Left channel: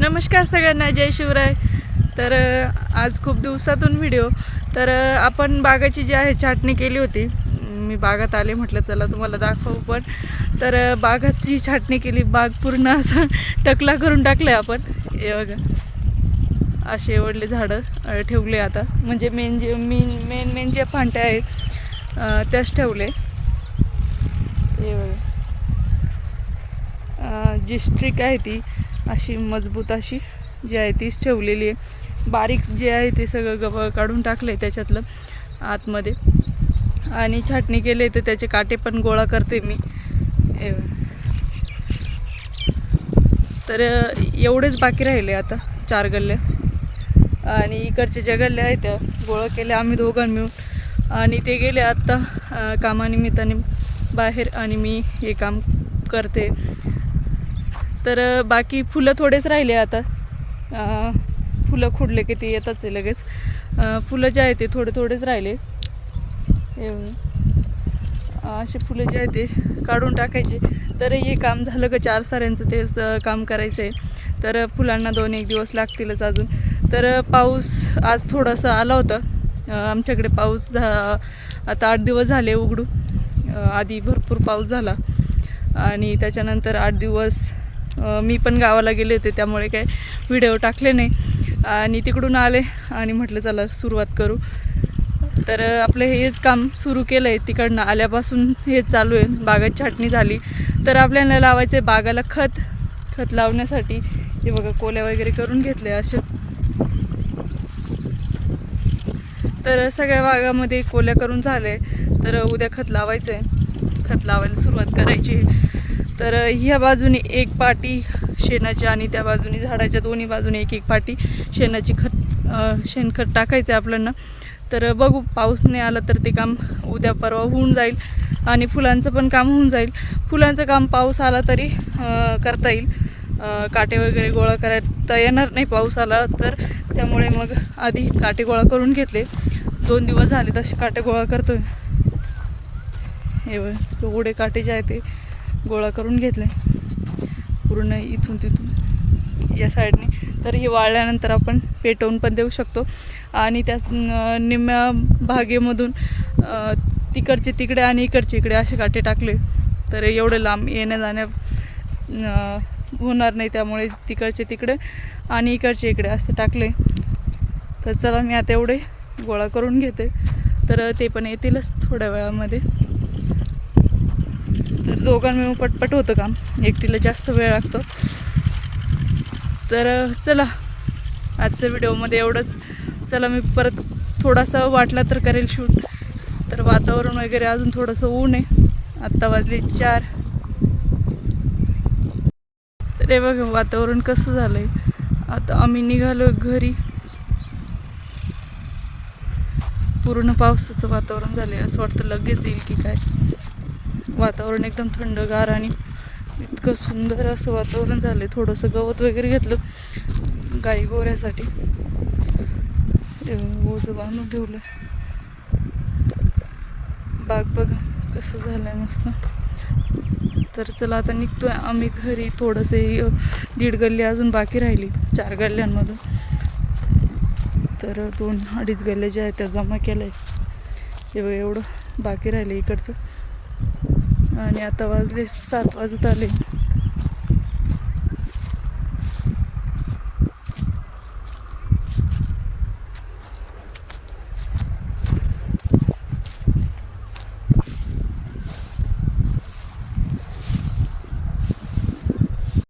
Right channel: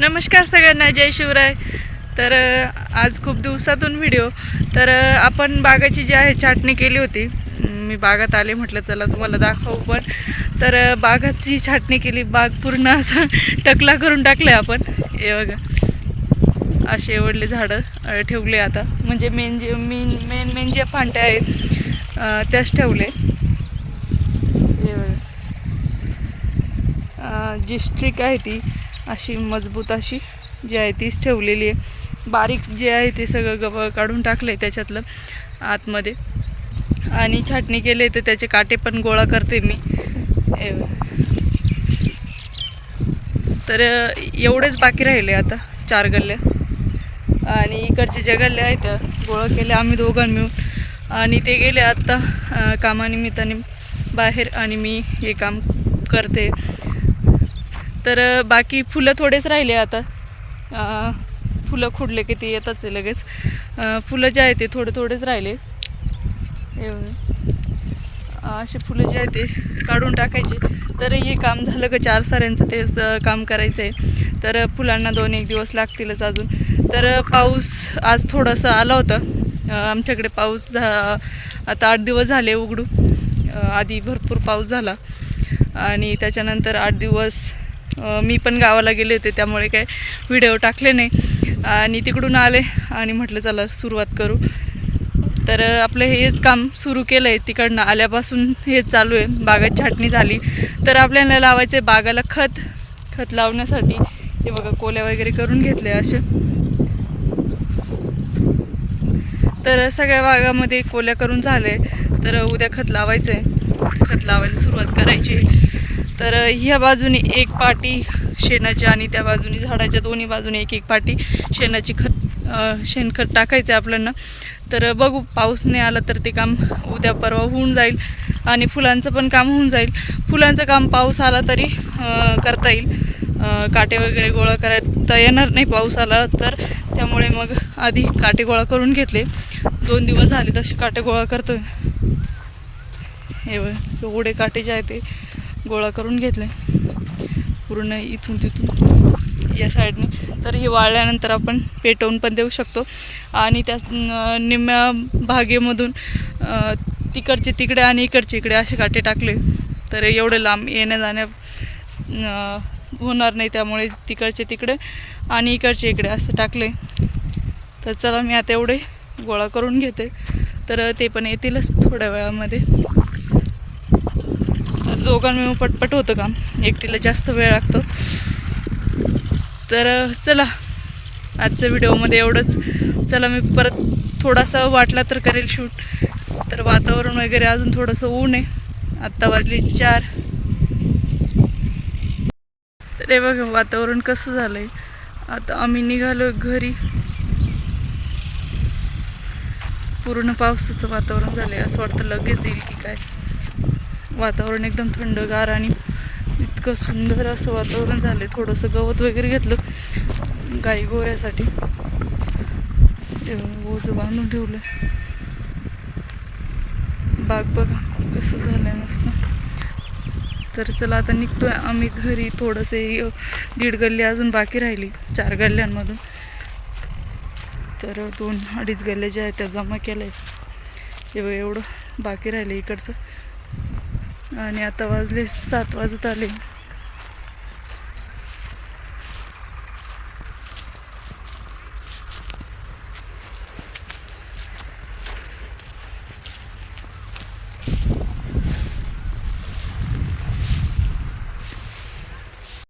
नमस्कार सगळ्यांना जय शिवराय. तर आज खूप दिवसातून व्हिडिओ तर आपण बागाची जी आहे छाटणी केली होती. मी बागात आले म्हटलं चला तुम्हाला दाखवू पण. तर बागाची छाटणी केली. बाग पूर्ण असं टकला करून टाकलं आपण. हे बघा. असे एवढले झाडं ठेवले आता. म्हणजे मेन जे मेन मेन मेन जे फांट्या आहेत त्याच ठेवले. हे बघा. जी स्ट्रिक आहे ती अशी मजबूत अशी जी आहे तीच ठेवलेली आहे. बारीक जे आहे ते सगळं गवळ काढून टाकलं आहे त्याच्यातलं आतमध्ये. आणि छाटणी केली तर त्याचे काटे पण गोळा करते मी. तर एवढेच बाकी राहिले आता चार गल्ल्या आणि इकडचे ज्या गल्ल्या आहेत त्या गोळा केल्या आम्ही दोघां मिळून. आणि ते गेले आत्ता कामानिमित्ताने बाहेर आणि मी हे काम करते. तर बाकी फुलं थोडेच राहिले आता. फुलं खुडले की ते येतात ते लगेच. फुलं जे आहे ते थोडे थोडेच राहिले. हे असे फुलं जे आहे ते काढून टाकायचे. तर हे काम झालं का चार साऱ्यांचं तेच काम करायचं आहे तर फुलांना दोन एक दिवस लागतीलच अजून. तर पाऊस आज थोडासा आला होता. आमच्याकडे पाऊस झा आता आठ दिवस झाले उघडू आधी भरपूर पाऊस झाला. आणि त्याच्यानंतर आठ दिवस मी पण गावाला गेले होते त्यामुळे काय व्हिडिओ टाकले नाही. आणि तिकडून आले आणि म्हटलं चला सुरुवात करू. तर आपलं हेच काम सुरू केलं आहे तिकडनं आल्यापासून हेच चालू आहे. बागात छाटणी झाली. तर आपल्याला लावायचं आहे बागाला खत. खत लावण्यासाठी हे बघा कोल्या वगैरे करून घेतले असे. तर सगळ्या बागामध्ये कोल्या करून झाले. तर उद्या खत लावायचं आहे खत लावायला सुरुवात करायची. तर ह्या बाजूने एक पाटी शेणाची आणि त्या बाजूने झाडाच्या दोन्ही बाजूने एक एक पाटी शेणाची खत शेणखत टाकायचं आहे आपल्याला. तर बघू पाऊस नाही आला तर ते काम उद्या परवा होऊन जाईल आणि फुलांचं पण काम होऊन जाईल. फुलांचं काम पाऊस आला तरी करता येईल. काटे वगैरे गोळा करायला येणार नाही पाऊस आला तर. त्यामुळे मग आधी काटे गोळा करून घेतले. दोन दिवस झाले तसे काटे गोळा करतो हे एवढे काटे जे आहे ते. गोळा करून घेतले. पूर्ण इथून तिथून या साईडने. तर हे वाळल्यानंतर आपण पेटवून पण देऊ शकतो. आणि त्या निम्म्या भागेमधून तिकडचे तिकडे आणि इकडचे इकडे असे काटे टाकले. तर एवढे लांब येण्या जाण्या होणार नाही. त्यामुळे तिकडचे तिकडे आणि इकडचे इकडे असं टाकले. तर चला मी आता एवढे गोळा करून घेते. तर ते पण येतीलच थोड्या वेळामध्ये. तर दोघां मिळून पटपट होतं काम. एकटीला जास्त वेळ लागतो. तर चला. आजच्या व्हिडिओमध्ये एवढंच. चला मी परत थोडासा वाटला तर करेल शूट. तर वातावरण वगैरे अजून थोडंसं ऊन आहे. आत्ता वाजले चार. तर हे बघा वातावरण कसं झालंय. आता आम्ही निघालो घरी. पूर्ण पावसाचं वातावरण झालं आहे असं वाटतं लगेच येईल की काय. वातावरण एकदम थंडगार आणि इतकं सुंदर असं वातावरण झालं आहे थोडंसं गवत वगैरे घेतलं गाई गोऱ्यासाठी. ओझं बांधून ठेवलं बाग बघा कसं झालं आहे मस्त. तर चला आता निघतोय आम्ही घरी. थोडंसं दीड गल्ली अजून बाकी राहिली. चार गल्ल्यांमधून. तर दोन अडीच गल्ल्या ज्या आहेत त्या जमा केल्या आहे एवढं एवढं बाकी राहिलं इकडचं. आणि आता वाजले सात वाजत आले.